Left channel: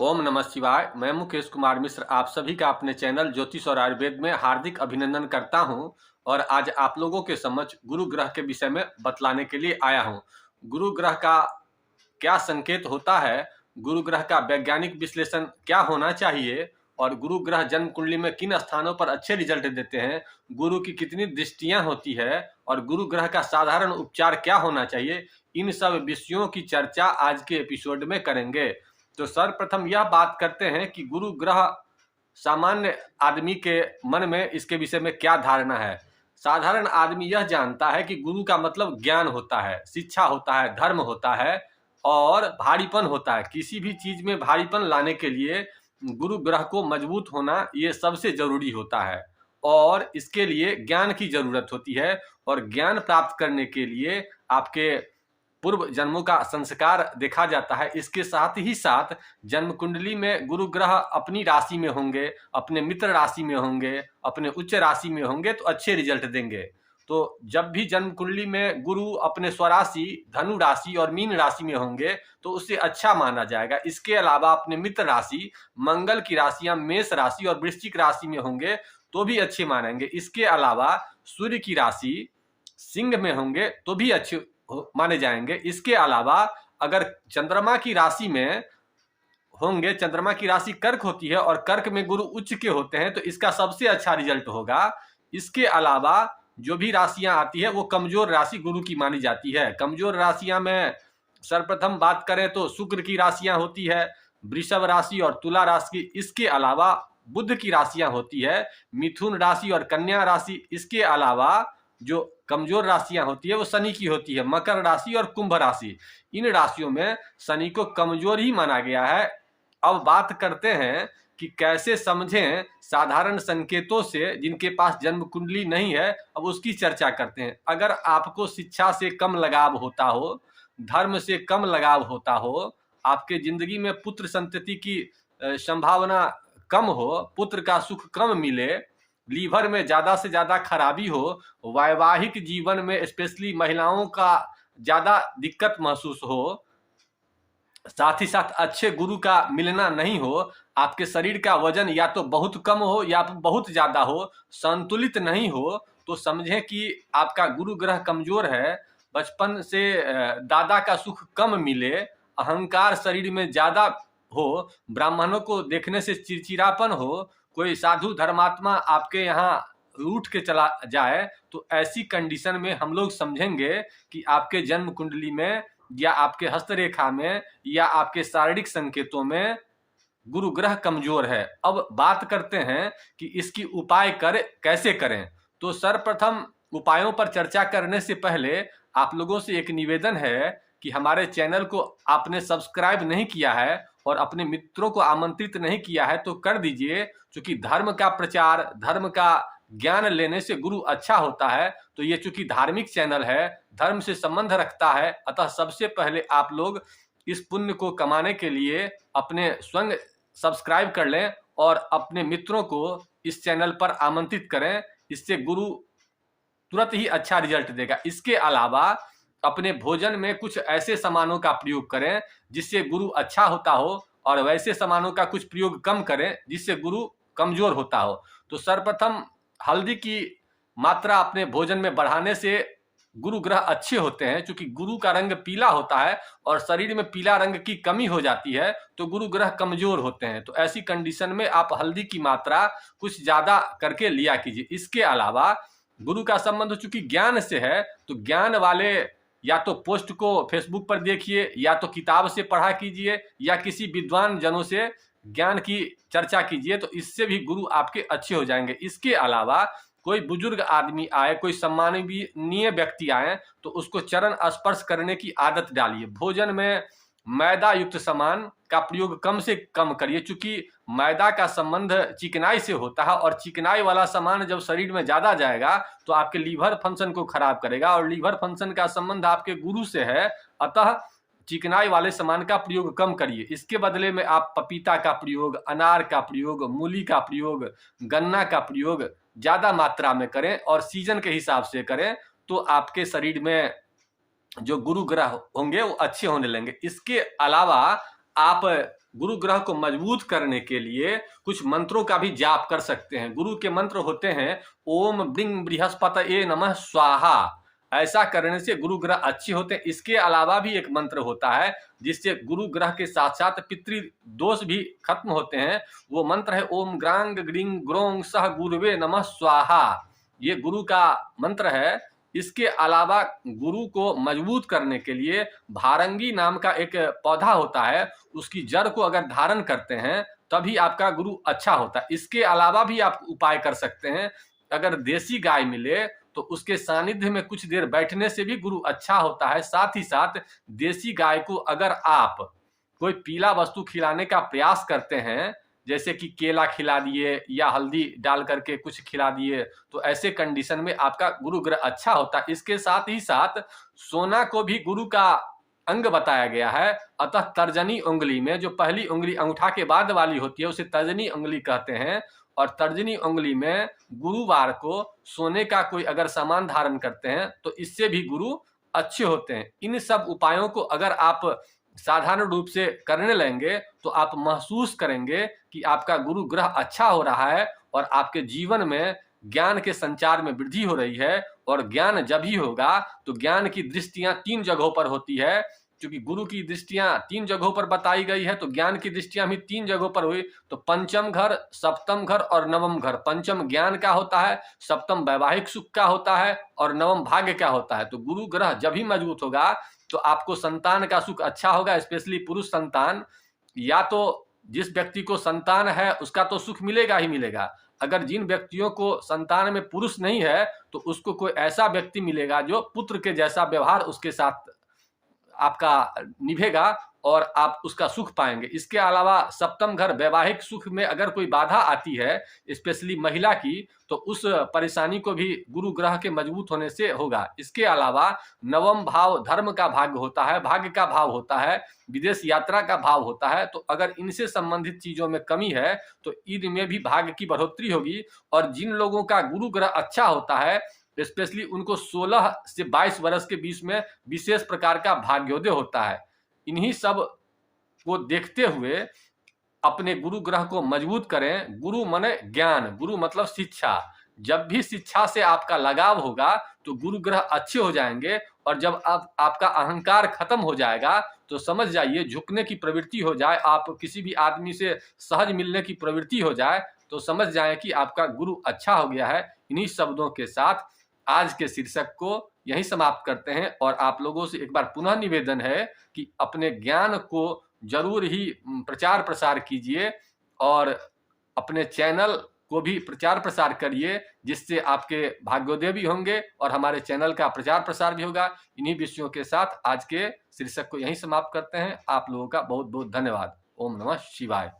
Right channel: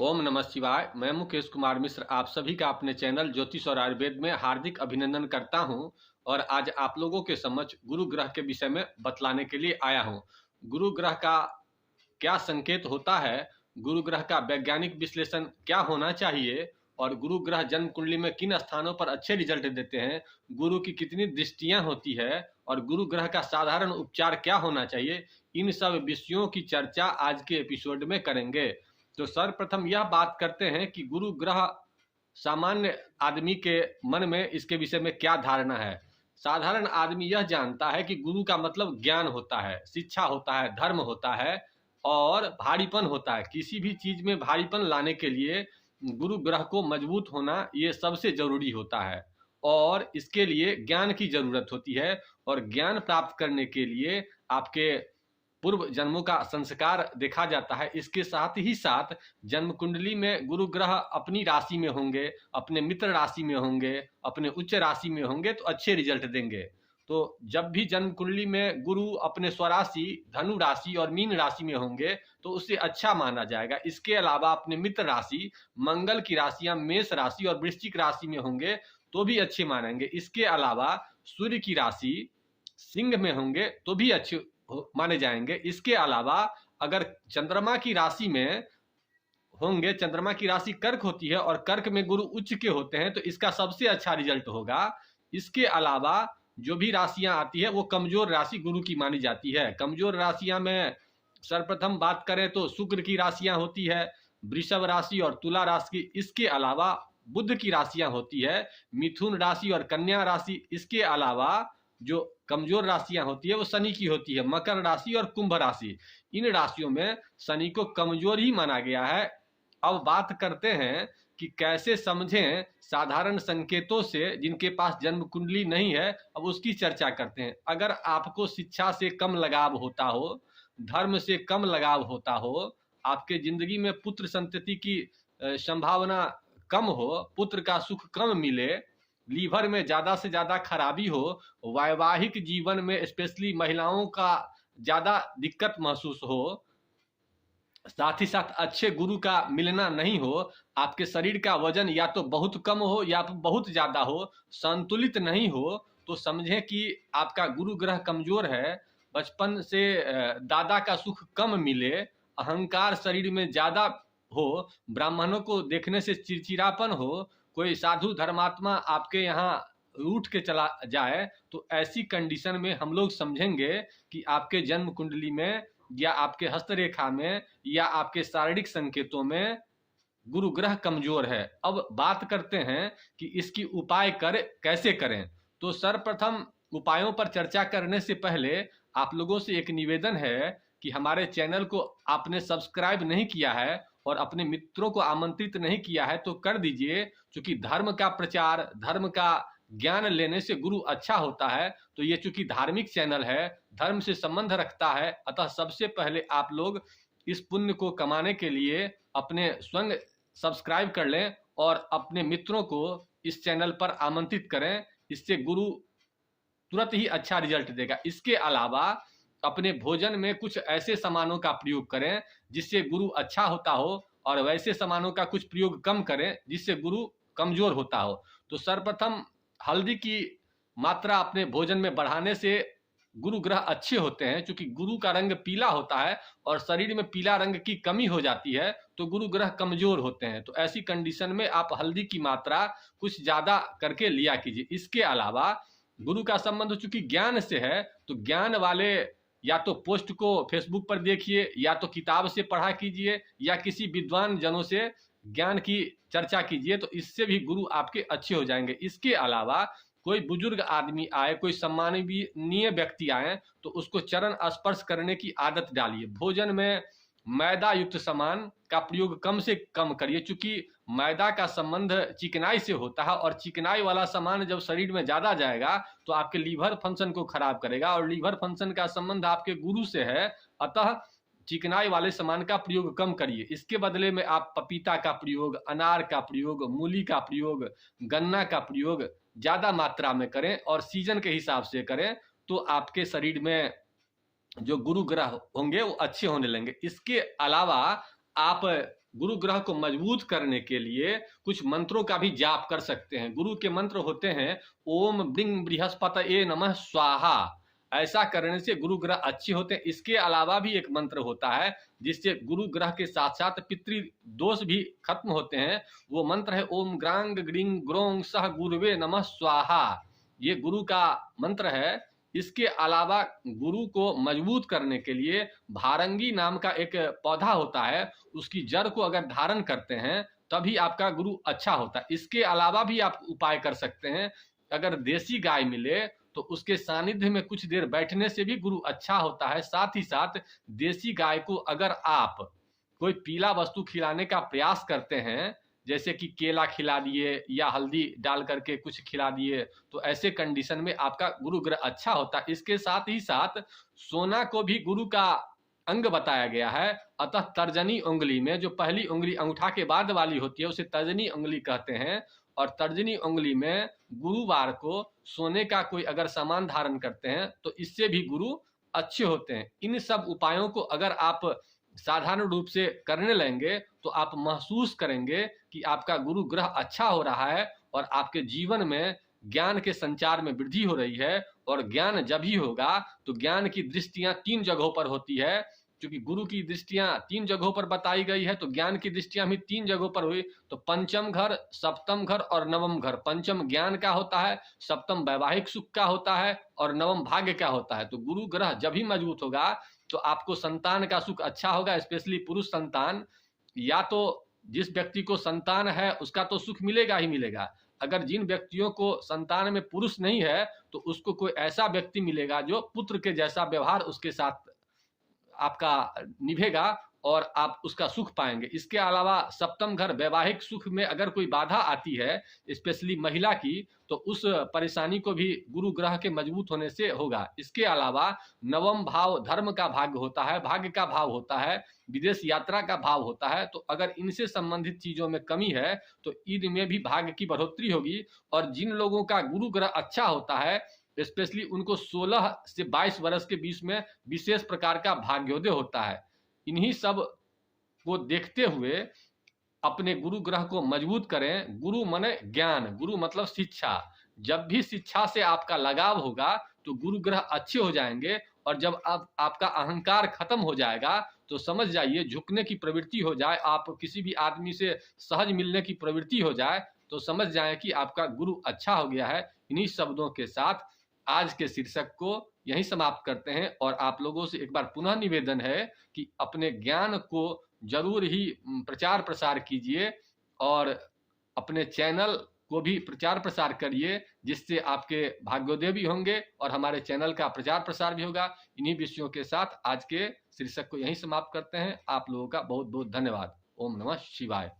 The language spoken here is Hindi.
ओम नमः शिवाय। मैं मुकेश कुमार मिश्र आप सभी का अपने चैनल ज्योतिष और आयुर्वेद में हार्दिक अभिनंदन करता हूं और आज आप लोगों के समक्ष गुरु ग्रह के विषय में बतलाने के लिए आया हूं। गुरु ग्रह का क्या संकेत होता है, गुरु ग्रह का वैज्ञानिक विश्लेषण क्या होना चाहिए और गुरु ग्रह जन्म कुंडली में किन स्थानों पर अच्छे रिजल्ट देते हैं, गुरु की कितनी दृष्टियां होती है और गुरु ग्रह का साधारण उपचार क्या होना चाहिए, इन सब विषयों की चर्चा आज के एपिसोड में करेंगे। तो सर्वप्रथम यह बात करते हैं कि गुरु ग्रह सामान्य आदमी के मन में इसके विषय में क्या धारणा है। साधारण आदमी यह जानता है कि गुरु का मतलब ज्ञान होता है, शिक्षा होता है, धर्म होता है और भारीपन होता है। किसी भी चीज में भारीपन लाने के लिए गुरु ग्रह को मजबूत होना ये सबसे जरूरी होता है और इसके लिए ज्ञान की जरूरत होती है और ज्ञान प्राप्त करने के लिए आपके पूर्व जन्मों का संस्कार देखा जाता है। इसके साथ ही साथ जन्म कुंडली में गुरु ग्रह अपनी राशि में होंगे, अपने मित्र राशि में होंगे, अपने उच्च राशि में होंगे तो अच्छे रिजल्ट देंगे। तो जब भी जन्म कुंडली में गुरु अपने स्वराशि धनु राशि और मीन राशि में होंगे तो उससे अच्छा माना जाएगा। इसके अलावा अपने मित्र राशि मंगल की राशियां मेष राशि और वृश्चिक राशि में होंगे तो भी अच्छे मानेंगे। इसके अलावा सूर्य की राशि सिंह में होंगे तो भी अच्छे माने जाएंगे। इसके अलावा अगर चंद्रमा की राशि में होंगे, चंद्रमा की राशि कर्क होती है और कर्क में गुरु उच्च के होते हैं तो इसका सबसे अच्छा रिजल्ट होगा। इसके अलावा जो भी राशियां आती है वो कमजोर राशि गुरु की मानी जाती है। कमजोर राशियां में सर्वप्रथम बात करें तो शुक्र की राशियां होती है, वृषभ राशि और तुला राशि। इसके अलावा बुध की राशियां होती है, मिथुन राशि और कन्या राशि। इसके अलावा जो कमजोर राशियां होती है वो शनि की होती है, मकर राशि और कुंभ राशि। इन राशियों में शनि को कमजोर ही माना गया है। अब बात करते हैं कि कैसे समझें साधारण संकेतों से जिनके पास जन्म कुंडली नहीं है। अब उसकी चर्चा करते हैं। अगर आपको शिक्षा से कम लगाव होता हो, धर्म से कम लगाव होता हो, आपके जिंदगी में पुत्र संतति की संभावना कम हो, पुत्र का सुख कम मिले, लीवर में ज्यादा से ज्यादा खराबी हो, वैवाहिक जीवन में स्पेशली महिलाओं का ज्यादा दिक्कत महसूस हो, साथ ही साथ अच्छे गुरु का मिलना नहीं हो, आपके शरीर का वजन या तो बहुत कम हो या बहुत ज्यादा हो, संतुलित नहीं हो, तो समझें कि आपका गुरु ग्रह कमजोर है। बचपन से दादा का सुख कम मिले, अहंकार शरीर में ज्यादा हो, ब्राह्मणों को देखने से चिड़चिड़ापन हो, कोई साधु धर्मात्मा आपके यहाँ उठ के चला जाए, तो ऐसी कंडीशन में हम लोग समझेंगे कि आपके जन्म कुंडली में या आपके हस्तरेखा में या आपके शारीरिक संकेतों में गुरु ग्रह कमजोर है। अब बात करते हैं कि इसकी उपाय कैसे करें। तो सर्वप्रथम उपायों पर चर्चा करने से पहले आप लोगों से एक निवेदन है कि हमारे चैनल को आपने सब्सक्राइब नहीं किया है और अपने मित्रों को आमंत्रित नहीं किया है तो कर दीजिए, क्योंकि धर्म का प्रचार, धर्म का ज्ञान लेने से गुरु अच्छा होता है। तो ये चूंकि धार्मिक चैनल है, धर्म से संबंध रखता है, अतः सबसे पहले आप लोग इस पुण्य को कमाने के लिए अपने स्वयं सब्सक्राइब कर लें और अपने मित्रों को इस चैनल पर आमंत्रित करें। इससे गुरु तुरंत ही अच्छा रिजल्ट देगा। इसके अलावा अपने भोजन में कुछ ऐसे सामानों का प्रयोग करें जिससे गुरु अच्छा होता हो और वैसे सामानों का कुछ प्रयोग कम करें जिससे गुरु कमजोर होता हो। तो सर्वप्रथम हल्दी की मात्रा अपने भोजन में बढ़ाने से गुरु ग्रह अच्छे होते हैं। क्योंकि गुरु का रंग पीला होता है और शरीर में पीला रंग की कमी हो जाती है तो गुरु ग्रह कमजोर होते हैं। तो ऐसी कंडीशन में आप हल्दी की मात्रा कुछ ज्यादा करके लिया कीजिए। इसके अलावा गुरु का संबंध चूंकि ज्ञान से है तो ज्ञान वाले या तो पोस्ट को फेसबुक पर देखिए या तो किताब से पढ़ा कीजिए या किसी विद्वान जनों से ज्ञान की चर्चा कीजिए, तो इससे भी गुरु आपके अच्छे हो जाएंगे। इसके अलावा कोई बुजुर्ग आदमी आए, कोई सम्माननीय व्यक्ति आए तो उसको चरण स्पर्श करने की आदत डालिए। भोजन में मैदा युक्त सामान का प्रयोग कम से कम करिए, क्योंकि मैदा का संबंध चिकनाई से होता है और चिकनाई वाला सामान जब शरीर में ज्यादा जाएगा तो आपके लीवर फंक्शन को खराब करेगा और लीवर फंक्शन का संबंध आपके गुरु से है। अतः चिकनाई वाले सामान का प्रयोग कम करिए। इसके बदले में आप पपीता का प्रयोग, अनार का प्रयोग, मूली का प्रयोग, गन्ना का प्रयोग ज्यादा मात्रा में करें और सीजन के हिसाब से करें तो आपके शरीर में जो गुरु ग्रह होंगे वो अच्छे होने लगेंगे। इसके अलावा आप गुरु ग्रह को मजबूत करने के लिए कुछ मंत्रों का भी जाप कर सकते हैं। गुरु के मंत्र होते हैं ओम ब्रिंग बृहस्पतये नमः स्वाहा। ऐसा करने से गुरु ग्रह अच्छे होते हैं। इसके अलावा भी एक मंत्र होता है जिससे गुरु ग्रह के साथ साथ पितृ दोष भी खत्म होते हैं। वो मंत्र है ओम ग्रांग ग्रिंग ग्रोंग सह गुरुवे नमः स्वाहा। ये गुरु का मंत्र है। इसके अलावा गुरु को मजबूत करने के लिए भारंगी नाम का एक पौधा होता है, उसकी जड़ को अगर धारण करते हैं तभी आपका गुरु अच्छा होता है। इसके अलावा भी आप उपाय कर सकते हैं। अगर देसी गाय मिले तो उसके सानिध्य में कुछ देर बैठने से भी गुरु अच्छा होता है। साथ ही साथ देसी गाय को अगर आप कोई पीला वस्तु खिलाने का प्रयास करते हैं, जैसे कि केला खिला दिए या हल्दी डाल करके कुछ खिला दिए, तो ऐसे कंडीशन में आपका गुरु ग्रह अच्छा होता है। इसके साथ ही साथ सोना को भी गुरु का अंग बताया गया है। अतः तर्जनी उंगली में जो पहली उंगली अंगूठा के बाद वाली होती है उसे तर्जनी उंगली कहते हैं। और तर्जनी उंगली में गुरुवार को सोने का कोई अगर सामान धारण करते हैं तो इससे भी गुरु अच्छे होते हैं। इन सब उपायों को अगर आप साधारण रूप से करने लगेंगे तो आप महसूस करेंगे कि आपका गुरु ग्रह अच्छा हो रहा है और आपके जीवन में ज्ञान के संचार में वृद्धि हो रही है। और ज्ञान जब ही होगा तो ज्ञान की दृष्टियां 3 जगहों पर होती है। क्योंकि गुरु की दृष्टियां 3 जगहों पर बताई गई है तो ज्ञान की दृष्टियां भी 3 जगहों पर हुई। तो पंचम घर, सप्तम घर और नवम घर। पंचम ज्ञान का होता है, सप्तम वैवाहिक सुख का होता है और नवम भाग्य का होता है। तो गुरु ग्रह जब ही मजबूत होगा तो आपको संतान का सुख अच्छा होगा, स्पेशली पुरुष संतान। या तो जिस व्यक्ति को संतान है उसका तो सुख मिलेगा ही मिलेगा। अगर जिन व्यक्तियों को संतान में पुरुष नहीं है तो उसको कोई ऐसा व्यक्ति मिलेगा जो पुत्र के जैसा व्यवहार उसके साथ आपका निभेगा और आप उसका सुख पाएंगे। इसके अलावा सप्तम घर वैवाहिक सुख में अगर कोई बाधा आती है, स्पेशली महिला की, तो उस परेशानी को भी गुरु ग्रह के मजबूत होने से होगा। इसके अलावा नवम भाव धर्म का भाग्य होता है, भाग्य का भाव होता है, विदेश यात्रा का भाव होता है। तो अगर इनसे संबंधित चीजों में कमी है तो इनमें भी भाग्य की बढ़ोतरी होगी। और जिन लोगों का गुरु ग्रह अच्छा होता है स्पेशली उनको 16 से 22 वर्ष के बीच में विशेष प्रकार का भाग्योदय होता है। इन्हीं सब को देखते हुए अपने गुरु ग्रह को मजबूत करें। गुरु माने ज्ञान, गुरु मतलब शिक्षा। जब भी शिक्षा से आपका लगाव होगा तो गुरु ग्रह अच्छे हो जाएंगे। और जब आपका अहंकार खत्म हो जाएगा तो समझ जाइए, झुकने की प्रवृत्ति हो जाए, आप किसी भी आदमी से सहज मिलने की प्रवृत्ति हो जाए, तो समझ जाए कि आपका गुरु अच्छा हो गया है। इन्हीं शब्दों के साथ आज के शीर्षक को यहीं समाप्त करते हैं। और आप लोगों से एक बार पुनः निवेदन है कि अपने ज्ञान को जरूर ही प्रचार प्रसार कीजिए और अपने चैनल को भी प्रचार प्रसार करिए, जिससे आपके भाग्योदय भी होंगे और हमारे चैनल का प्रचार प्रसार भी होगा। इन्हीं विषयों के साथ आज के शीर्षक को यहीं समाप्त करते हैं। आप लोगों का बहुत बहुत धन्यवाद। ओम नमः शिवाय।